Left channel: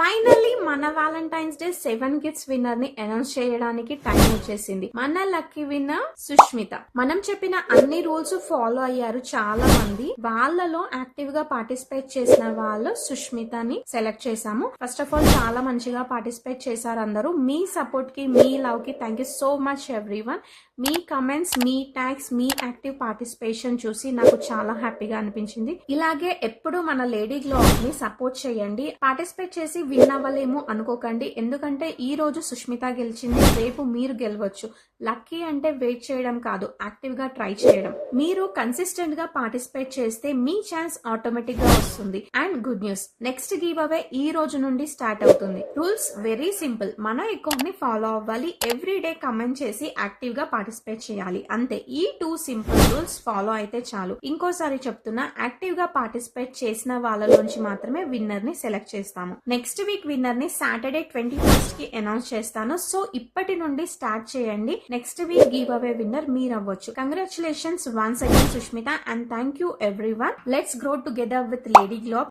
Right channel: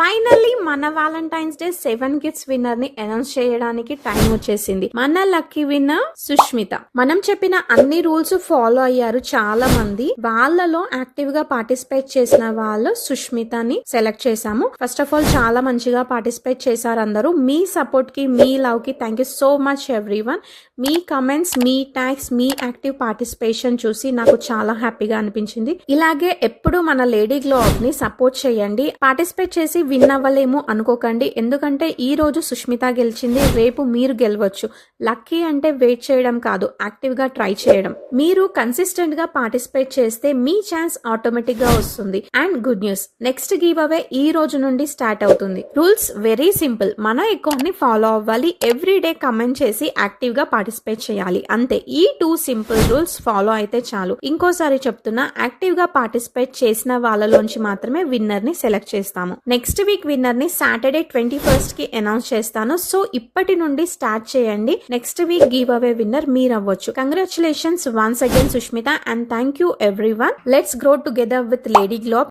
Finally మన Valentine's day 7 gifts winner ని announce చేయడానికి టైం వచ్చేసింది. మన లక్కీ విన్నర్ సుష్మిత. మనం చెప్పిన అన్ని రూల్స్ ఫాలో అయ్యారు చాలా మంది. వాళ్ళలో యాక్టివ్ గా పార్టిసిపేట్ చేసిన వాళ్ళు సుష్మితని సెలెక్ట్ చేశాము. ఫస్ట్ ఆఫ్ ఆల్ చాలా మంచిగా పార్టిసిపేట్ చేశారు అందరూ. మీ సపోర్ట్ కి, మీ లవ్ కి thank you so much everyone. Me comments, me tags, me active participation చూసి నాకు చాలా హ్యాపీగా అనిపించింది. ఇలాగే ఎప్పుడు మన లేడీ గ్లో అప్ ని సపోర్ట్ చేయండి. పార్టిసిపేట్ చేసి విన్ అవ్వలేము అనుకోకండి. ఎందుకంటే ఈ రోజు సుష్మిత గెలిచింది, రేపు మీరు గెలవచ్చు. లక్కీ అంటే వెయిట్ చేయడం కాదు, యాక్టివ్ గా ట్రై చేయడం. మీరు కన్సిస్టెంట్ గా పార్టిసిపేట్ చేస్తే మీ ఛాన్స్ ఆటోమేటిక్ గా వస్తుంది. And good news, next give away ఈ రోజు నుండి స్టార్ట్ అవుతుంది. Rules very simple. మన అకౌంట్ ని ఫాలో అవ్వాలి, ఎవ్రీ డే కమెంట్ చేసి యాక్టివ్ గా పార్టిసిపేట్ చేయాలి, అంతే. ఈ 2 సింపుల్ రూల్స్ ఫాలో అయితే చాలు. ఇంకోసారి చెప్తున్నా, యాక్టివ్ గా పార్టిసిపేట్ చేసిన వాళ్ళలోంచి మాత్రమే విన్నర్ ని సెలెక్ట్ చేస్తాము. నెక్స్ట్ వీక్ విన్నర్ ని సాటర్డే 21st కి అనౌన్స్ చేస్తాను. సో ఇప్పటి నుండి స్టార్ట్ చేయండి. Next week give away winner మీరు అవ్వచ్చు. Congratulations once again Sushmita, and thank you everyone. Let's grow together with lady glow.